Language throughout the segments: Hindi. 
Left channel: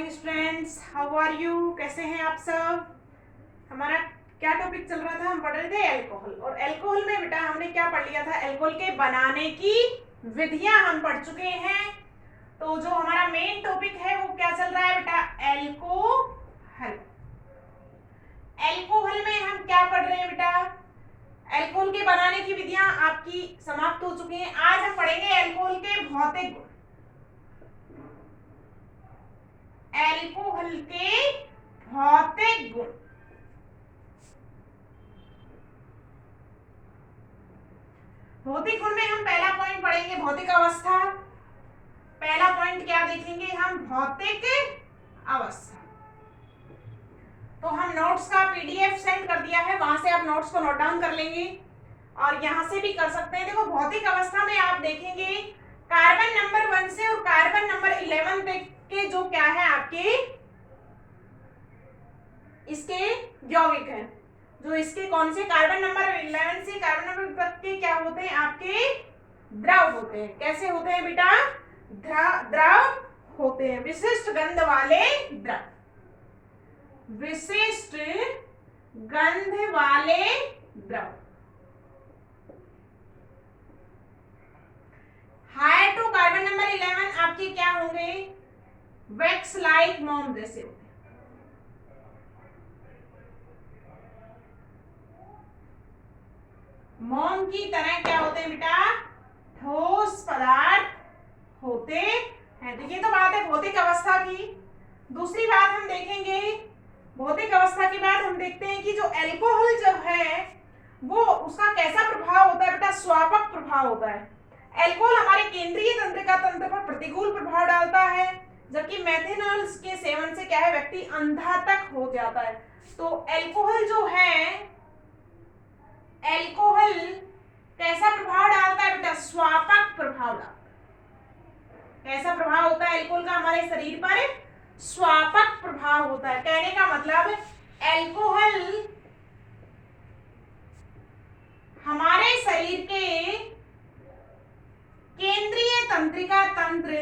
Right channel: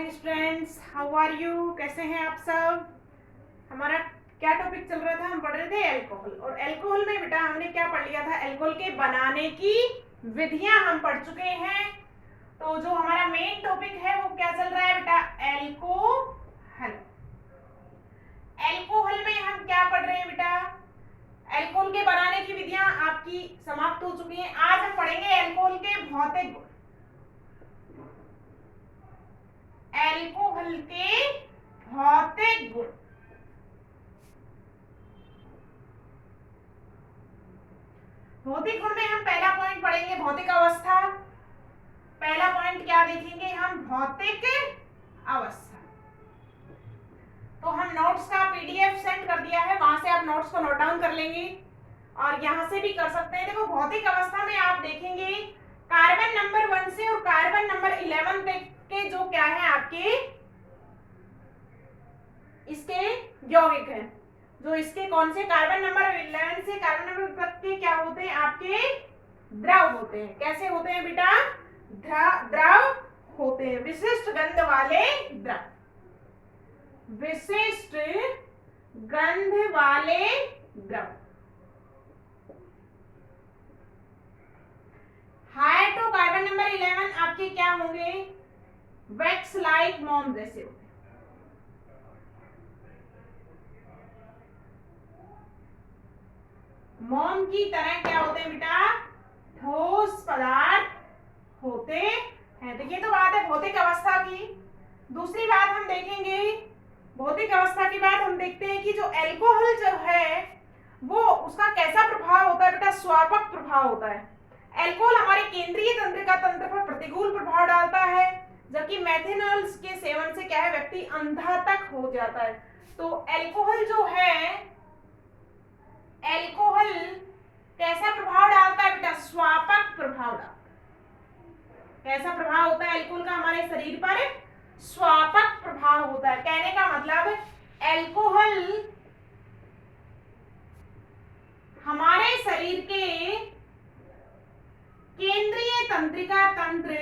Morning students, how are you? कैसे हैं आप सब? हमारा क्या टॉपिक चल रहा था? हम पढ़ रहे थे अल्कोहल। और अल्कोहल में बेटा हमने क्या पढ़ लिया था? अल्कोहल के बनाने की विधियां हम पढ़ चुके हैं। तो जो हमारा मेन टॉपिक है वो क्या चल रहा है बेटा? अल्कोहल। अल्कोहल में हम क्या पढ़ रहे हैं बेटा? अल्कोहल के बनाने की विधियां आपकी समाप्त हो चुकी हैं। आज हम पढ़ेंगे अल्कोहल के भौतिक गुण। अल्कोहल के भौतिक गुण। भौतिक गुण में हम पहला पॉइंट पढ़ेंगे भौतिक अवस्था। पहला पॉइंट क्या देखेंगे हम? भौतिक अवस्था। तो हम नोट्स का पीडीएफ सेंड कर दिया है, वहां से आप नोट्स को नोट डाउन कर लेंगे और यहां से भी कर सकते हैं। देखो भौतिक अवस्था में आप देखेंगे कार्बन नंबर 1 से और कार्बन नंबर 11 तक के जो क्या है आपके इसके यौगिक हैं। जो इसके कौन से कार्बन नंबर 11 से कार्बन नंबर तक के क्या होते हैं? आपके द्रव होते हैं। कैसे होते हैं बेटा? द्रव होते हैं। विशिष्ट गंध वाले द्रव। विशिष्ट गंध वाले द्रव। हाइड्रोकार्बन नंबर 11 आपके क्या होंगे? वैक्स लाइक मोम जैसे होते हैं। मोम की तरह क्या होते हैं बेटा? ठोस पदार्थ होते हैं। तो ये तो बात है भौतिक अवस्था की। दूसरी बात हम देखेंगे, भौतिक अवस्था के बाद हम देखते हैं कि जो अल्कोहल जो है वो उसका कैसा प्रभाव होता है बेटा? स्वापक प्रभाव होता है। अल्कोहल हमारे केंद्रीय तंत्रिका तंत्र पर प्रतिकूल प्रभाव डालता है, जबकि मेथेनॉल के सेवन से क्या है? व्यक्ति अंधा तक हो जाता है। तो अल्कोहल जो है, अल्कोहल कैसा प्रभाव डालता है बेटा? स्वापक प्रभाव डालता है। कैसा प्रभाव होता है अल्कोहल का हमारे शरीर पर? स्वापक प्रभाव होता है। कहने का मतलब अल्कोहल हमारे शरीर के केंद्रीय तंत्रिका तंत्र,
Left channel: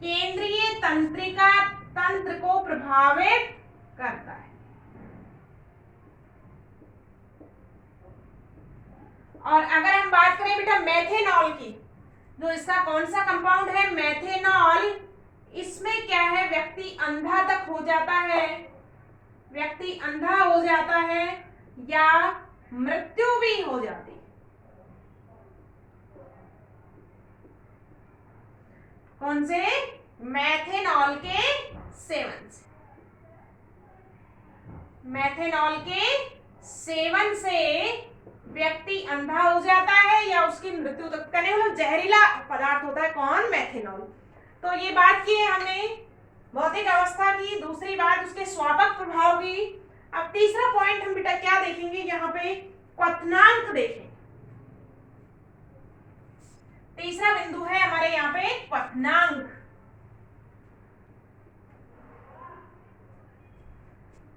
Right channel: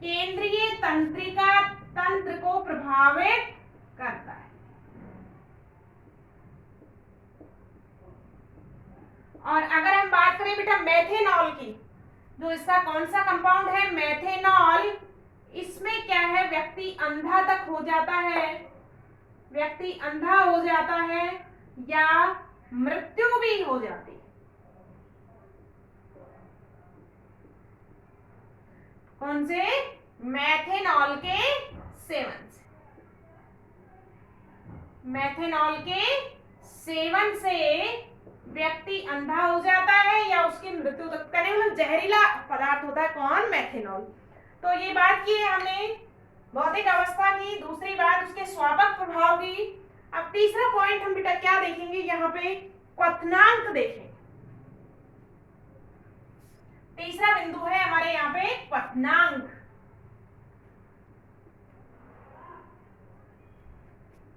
केंद्रीय तंत्रिका तंत्र को प्रभावित करता है। और अगर हम बात करें बेटा मेथेनॉल की, जो इसका कौन सा कंपाउंड है? मेथेनॉल। इसमें क्या है? व्यक्ति अंधा तक हो जाता है। व्यक्ति अंधा हो जाता है या मृत्यु भी हो जाती है। कौन से? मेथेनॉल के सेवन से। मेथेनॉल के सेवन से व्यक्ति अंधा हो जाता है या उसकी मृत्यु तक। कहने मतलब जहरीला पदार्थ होता है कौन? मेथेनॉल। तो ये बात की है हमने भौतिक अवस्था की। दूसरी बात उसके स्वापक प्रभाव की। अब तीसरा पॉइंट हम बेटा क्या देखेंगे? यहाँ पे क्वथनांक देखेंगे। तीसरा बिंदु है हमारे यहाँ पे क्वथनांक।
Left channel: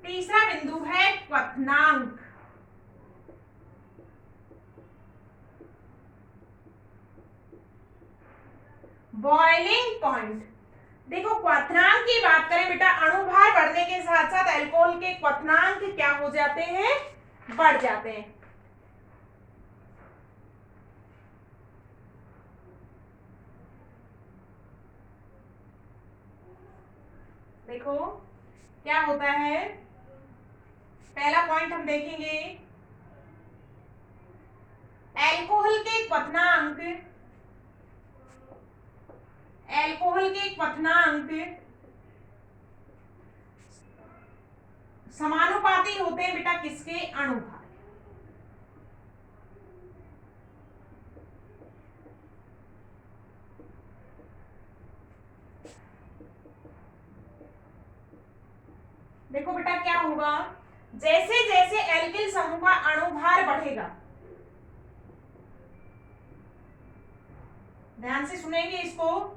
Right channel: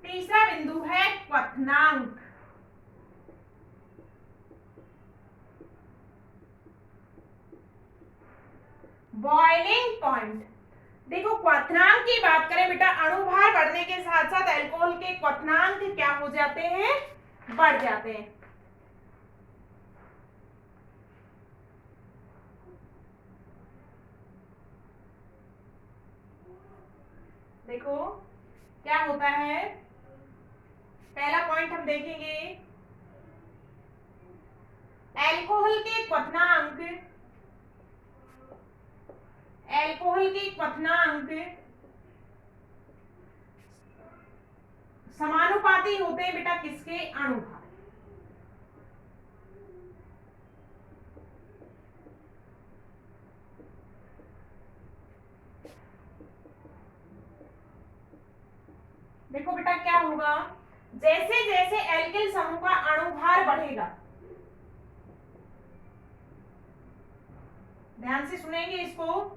तीसरा बिंदु है क्वथनांक। Boiling point. देखो क्वथनांक की बात करें बेटा, अणुभार बढ़ने के साथ साथ अल्कोहल के क्वथनांक क्या हो जाते हैं? बढ़ जाते हैं। देखो क्या होता है, पहला पॉइंट हम देखेंगे अल्कोहल के क्वथनांक। अल्कोहल के क्वथनांक समानुपाती होते हैं बेटा किसके? अणुभार। देखो बेटा क्या होगा, जैसे जैसे एल्किल समूह का अणुभार बढ़ेगा, ध्यान से सुनेंगे इसको,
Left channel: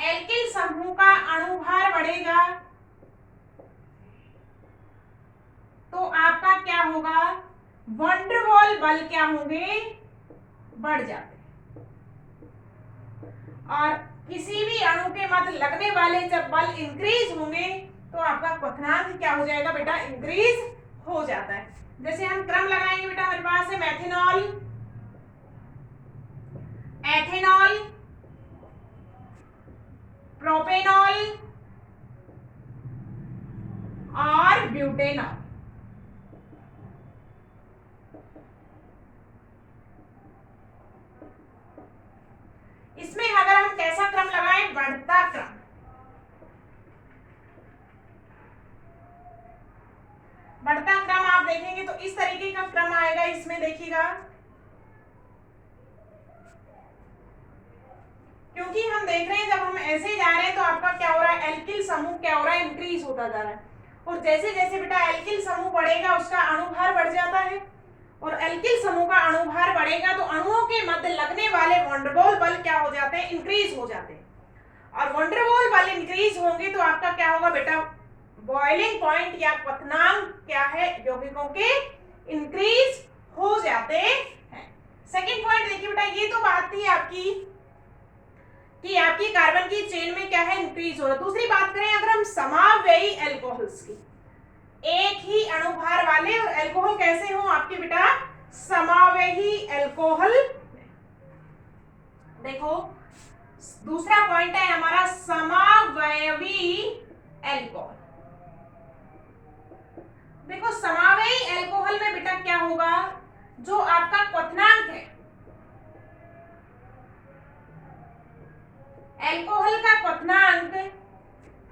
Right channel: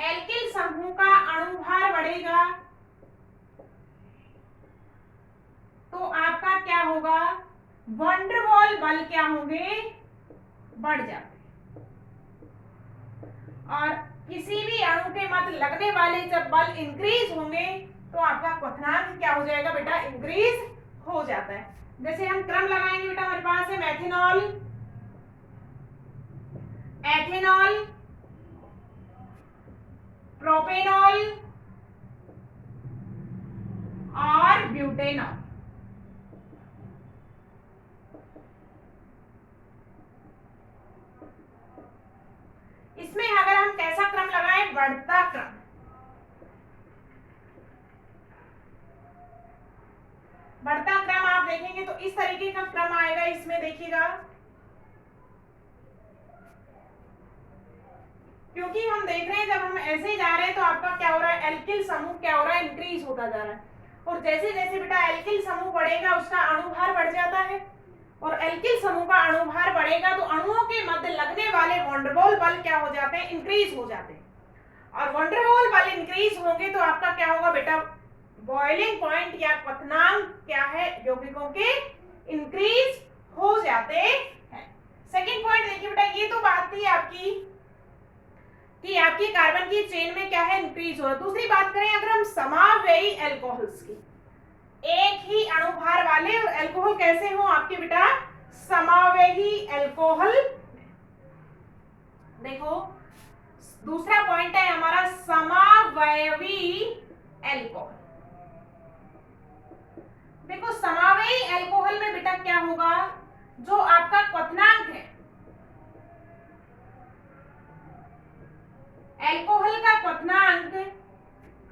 एल्किल समूह का अणुभार बढ़ेगा तो आपका क्या होगा? वंडरवॉल बल क्या होंगे? बढ़ जाते हैं। और किसी भी अणु के मध्य लगने वाले जब बल इंक्रीज होंगे तो आपका क्वथनांक क्या हो जाएगा बेटा, इंक्रीज हो जाता है। जैसे हम क्रम लगाएंगे बेटा, हमारे पास है मेथिनॉल, एथेनॉल, प्रोपेनॉल और ब्यूटेनॉल। इसमें अगर हम कैसा क्रम लगाएं, बढ़ता क्रम। बढ़ता क्रम आप देखेंगे तो इस तरीके का क्रम आएगा। इसमें देखिएगा, क्योंकि हम देख रहे हैं जब हम ऐसे जा रहे हैं तो आपका क्या हो रहा है, एल्किल समूह क्या हो रहा है, इंक्रीज होता जा रहा है। और जैसे जैसे बेटा एल्किल समूह बढ़ेगा उसका अणुभार बढ़ जाता है, और एल्किल समूह का अणुभार बढ़ेगा तो अणुओं के मध्य लगने वाले वंडरवॉल बल क्या हो जाते हैं, इंक्रीज हो जाते हैं। और वंडरवॉल बल इंक्रीज होंगे तो आपका क्या होगा बेटा, बॉइलिंग पॉइंट या क्वथनांक क्या है, यौगिकों के इंक्रीज हो जाते हैं। सेकंड पॉइंट देखिए बेटा, ये तो बात थी आपकी कि आपकी कार्बन की चेन में क्या है, इंक्रीज हो रहा है। दूसरी बात करें अगर हम समावेयी एल्कोहल्स की, एक ही अणुभार वाले और एल्कोहल कैसे हो आपके बेटा, समावेयी एल्कोहल। देखो दूसरा पॉइंट है हमारा समावयवी एल्कोहल। देखो समावेयी एल्कोहल में बेटा क्या होगा, जो आपका क्वथनांक है, एल्कोहल का क्वथनांक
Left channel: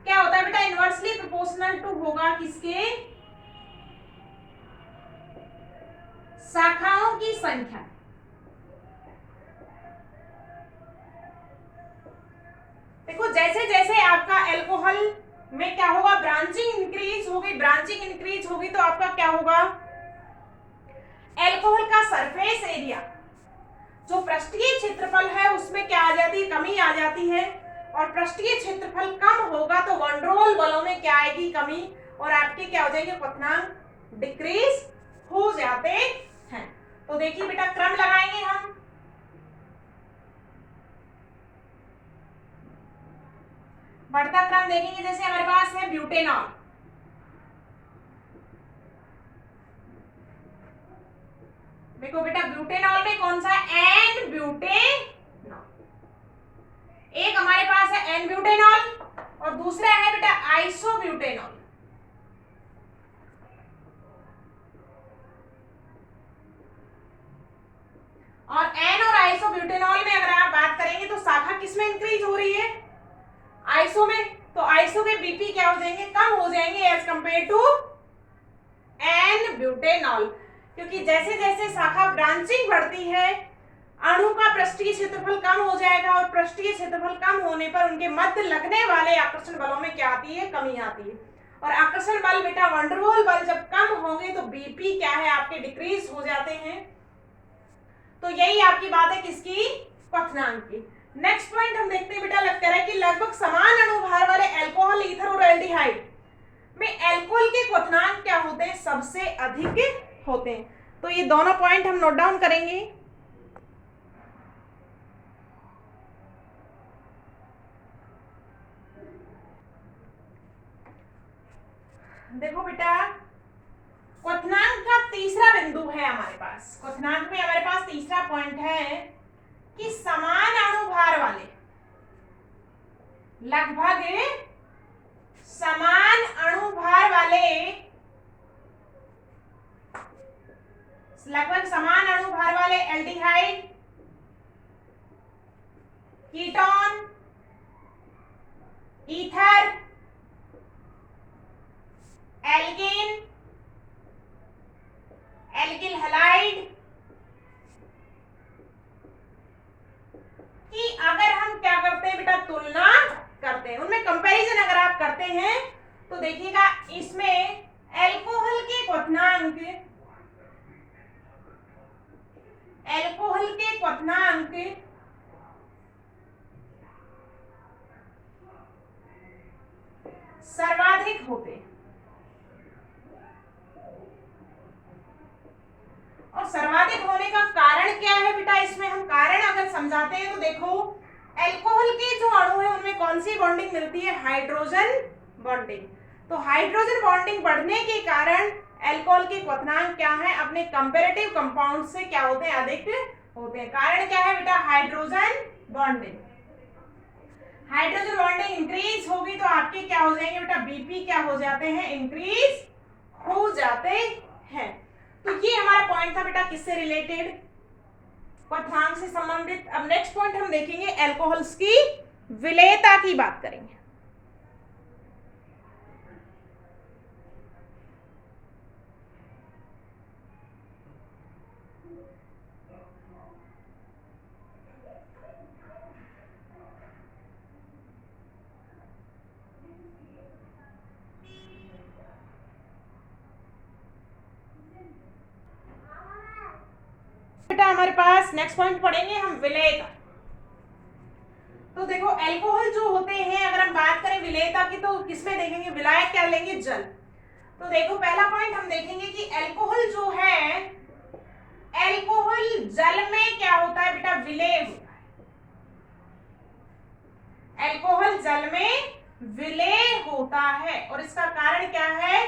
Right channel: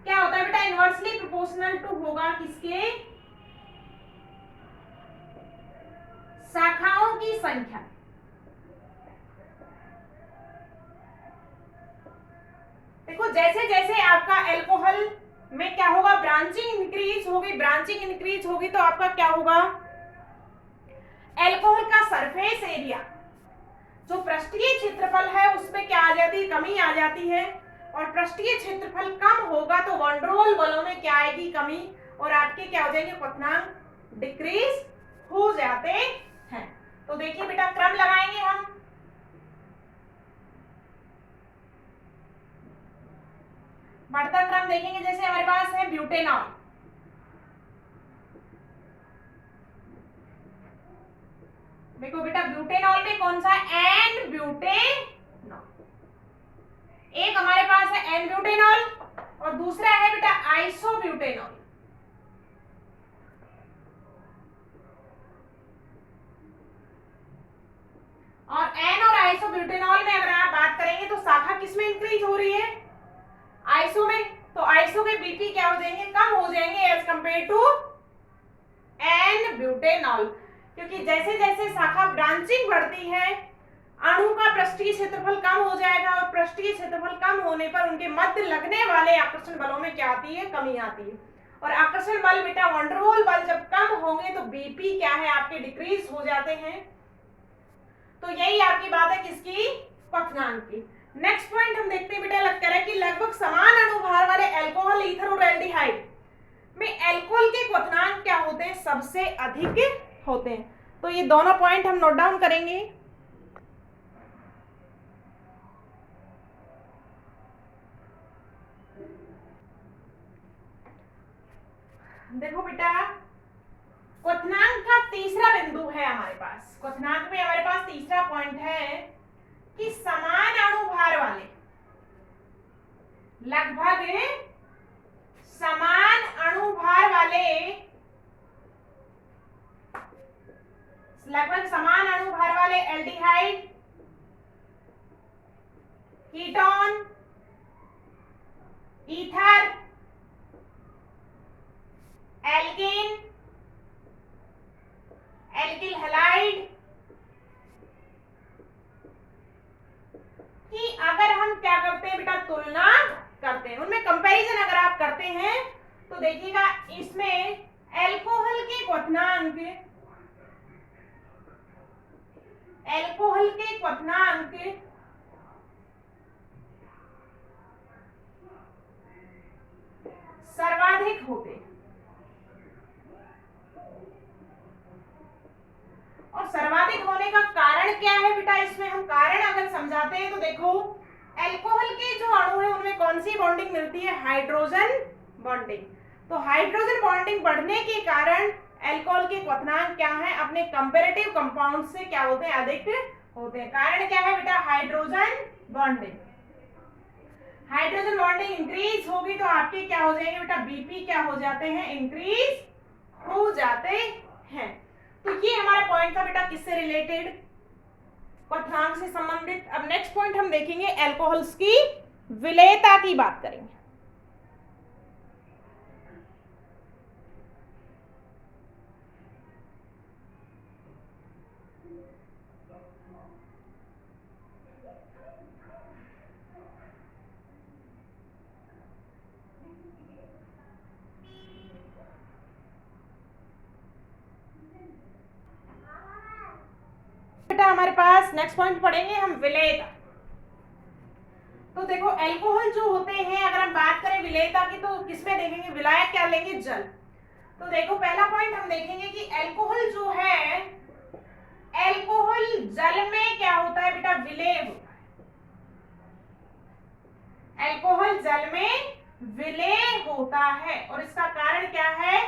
क्या होता है बेटा, इनवर्सली प्रोपोर्शनल टू होगा किसके, शाखाओं की संख्या। देखो जैसे जैसे आपका एल्कोहल में क्या होगा, ब्रांचिंग इंक्रीज होगी, ब्रांचिंग इंक्रीज होगी तो आपका क्या होगा, एल्कोहल का सरफेस एरिया, जो पृष्ठीय क्षेत्रफल है उसमें क्या आ जाती है, कमी आ जाती है। और पृष्ठीय क्षेत्रफल कम होगा तो वंडरवॉल बलों में क्या आएगी, कमी, और आपके क्या हो जाएंगे, क्वथनांक डिक्रीज हो जाते हैं। तो देखिए बेटा क्रम लगाएंगे हम, बढ़ता क्रम देखेंगे। जैसे हमारे पास है ब्यूटेनॉल, देखो बेटा ब्यूटेनॉल में कौन सा, एन ब्यूटेनॉल। एक हमारे पास है एन ब्यूटेनॉल और दूसरा है बेटा आइसोब्यूटेनॉल। और एन और आइसोब्यूटेनॉल में अगर आप बात करेंगे तो शाखा किसमें इंक्रीज हो रही है, आइसो में। तो आइसो के बीपी क्या हो जाएंगे, कम हो जाएंगे as compare to n butanol, क्योंकि जैसे जैसे शाखा ब्रांचिंग बढ़ती है अणु का पृष्ठीय क्षेत्रफल कम हो जाएगा, और पृष्ठीय क्षेत्रफल कम होने पर उनके मध्य लगने वाले आकर्षण बलों में क्या आती है, कमी आती है। और आकर्षण बल बेटा वंडरवॉल बल जब कम होंगे तो बीपी क्या है आपके डिक्रीज हो जाते हैं। तो यही आपकी बात है किसकी, क्वथनांक की। नेक्स्ट पॉइंट हम देखते हैं बेटा, लगता है कि लगभग समान अणुभार वाले अल्कोहल, ईथर और एल्डिहाइड में एल्कोहल के क्वथनांक क्या होते हैं, सबसे अधिक होते हैं। तो ये दोनों पॉइंट हम नोट डाउन करेंगे। देखो बेटा क्वथनांक का तीसरा बिंदु है हमारे पास, क्वथनांक में हमारे पास तीसरा पॉइंट है कि समान अणुभार वाले, लगभग समान अणुभार वाले, लगभग समान अणुभार वाले aldehyde, ketone, ether, alkane, alkyl halide की अगर हम क्या करते हैं बेटा, तुलना करते हैं, उनमें कंपैरिजन अगर आप करते हैं तो देखिएगा इसमें एल्कोहल के क्वथनांक, एल्कोहल के क्वथनांक सर्वाधिक होते हैं। और सर्वाधिक होने का कारण क्या है बेटा, इसमें हम कारण अगर समझाते हैं तो देखो अल्कोहल के जो अणु है उनमें कौन सी बॉन्डिंग मिलती है? Hydrogen bonding. तो हाइड्रोजन बॉन्डिंग बढ़ने के कारण अल्कोहल के क्वथनांक क्या है? अपने कंपैरेटिव कंपाउंड से क्या होते हैं? अधिक होते हैं। कारण क्या है बेटा? Hydrogen bonding. Hydrogen bonding increase होगी तो आपके क्या हो जाएंगे बेटा? बीपी क्या हो जाते हैं? इंक्रीज हो जाते हैं। तो ये हमारा पॉइंट था बेटा किससे रिलेटेड? क्वथनांक से संबंधित। अब नेक्स्ट पॉइंट हम देखेंगे अल्कोहल्स की विलेयता की बात करेंगे। बेटा हमारे पास नेक्स्ट पॉइंट पढ़ेंगे हम विलेयता। तो देखो अल्कोहल जो होते हैं, अगर हम बात करें विलेयता की तो किसमें देखेंगे? विलायक क्या लेंगे? जल। तो देखो पहला पॉइंट हम देखेंगे कि अल्कोहल जो है, अल्कोहल जल में क्या होता है बेटा? विलेय होता है। अल्कोहल जल में विलेय होता है और इसका कारण क्या है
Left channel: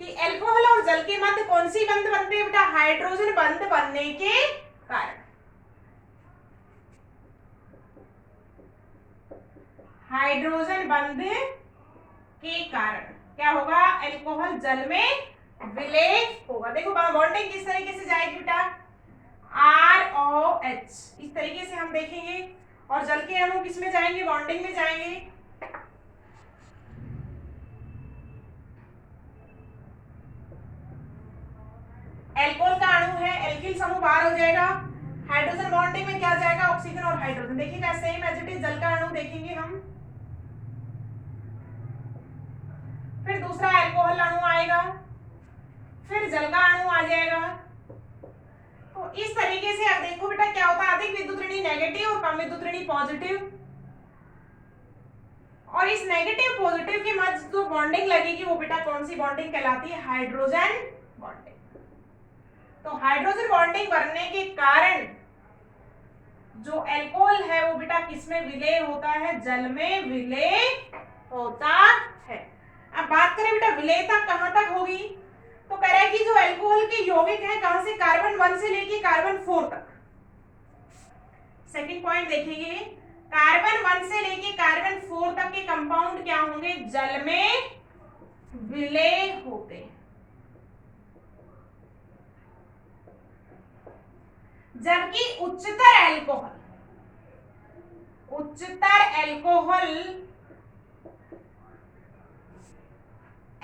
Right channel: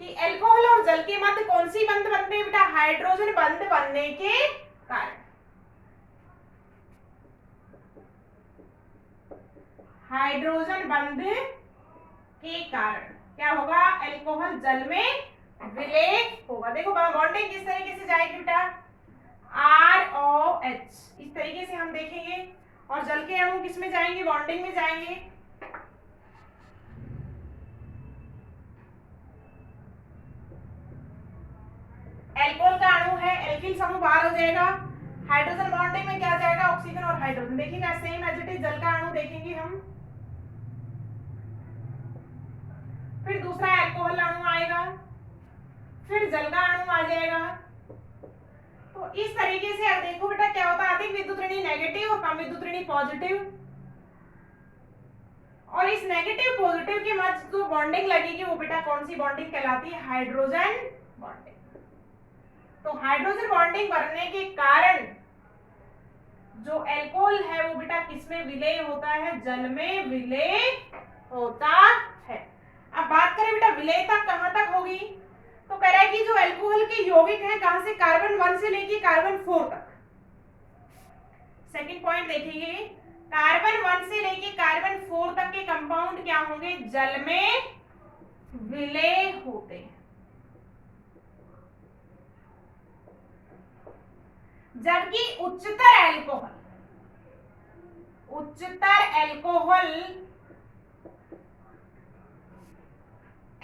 कि अल्कोहल और जल के मध्य कौन सी बंध बनती है बेटा? हाइड्रोजन बंध बनने के कारण। हाइड्रोजन बंध के कारण क्या होगा? अल्कोहल जल में विलेय होगा। देखो बॉन्डिंग किस तरीके से जाएगी बेटा? ROH इस तरीके से हम देखेंगे। और जल के अणु किस में जाएंगे? बॉन्डिंग में जाएंगे। अल्कोहल का अणु है, एल्किल समूह बाहर हो जाएगा। हाइड्रोजन बॉन्डिंग में क्या जाएगा? ऑक्सीजन और हाइड्रोजन। देखिएगा सेम एज इट इज जल का अणु देखेंगे हम। फिर दूसरा अल्कोहल अणु आएगा, फिर जल का अणु आ जाएगा। तो इस तरीके से अब देखो बेटा क्या होता है? अधिक विद्युत ऋणी नेगेटिव और कम विद्युत ऋणी पॉजिटिव। और इस नेगेटिव पॉजिटिव के मध्य जो बॉन्डिंग लगेगी वो बेटा कौन सी बॉन्डिंग कहलाती है? Hydrogen bonding. तो हाइड्रोजन बॉन्डिंग बढ़ने के कारण जो अल्कोहल है वो बेटा किसमें विलेय होता है? जल में विलेय होता है। अब बात करें बेटा विलेयता कहां तक होगी? तो कह रहा है कि जो अल्कोहल के यौगिक हैं कहां से? कार्बन 1 से लेके कार्बन 4 तक। सेकंड पॉइंट देखेंगे, कार्बन 1 से लेके कार्बन 4 तक के कंपाउंड क्या होंगे? जल में विलेय होते हैं। जबकि उच्चतर अल्कोहल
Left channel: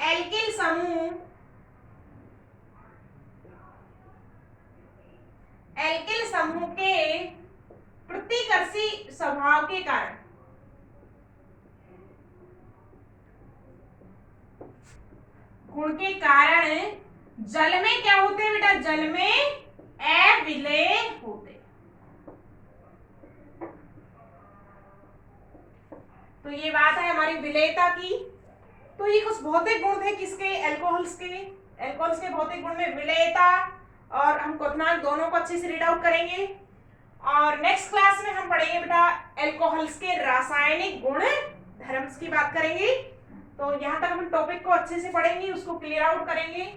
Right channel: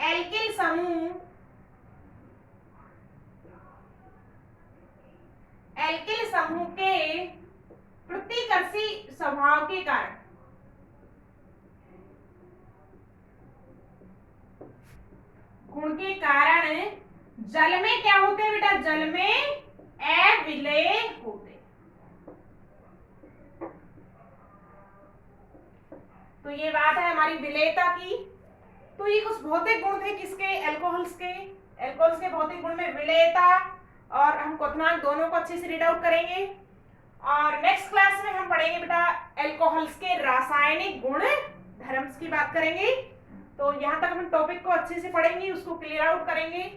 एल्किल समूह के प्रतिकर्षी स्वभाव के कारण गुण के कारण जल में क्या होते हैं बेटा? जल में अविलेय होते। तो ये बात है हमारी विलेयता की। तो ये कुछ भौतिक गुण थे किसके? अल्कोहल्स के। अल्कोहल्स के भौतिक गुण में विलेयता और हम क्वथनांक दोनों को अच्छे से रीड आउट करेंगे। और नेक्स्ट क्लास में हम पढ़ेंगे बेटा अल्कोहल्स के रासायनिक गुण धर्म की बात करेंगे। तो यहाँ तक हम टॉपिक को अच्छे से पढ़ेंगे, उसको क्लियर आउट करेंगे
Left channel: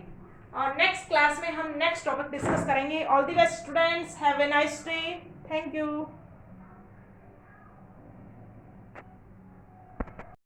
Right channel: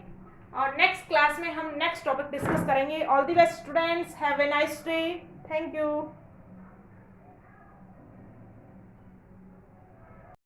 और नेक्स्ट क्लास में हम नेक्स्ट टॉपिक डिस्कस करेंगे। All the best students, have a nice day. Thank you.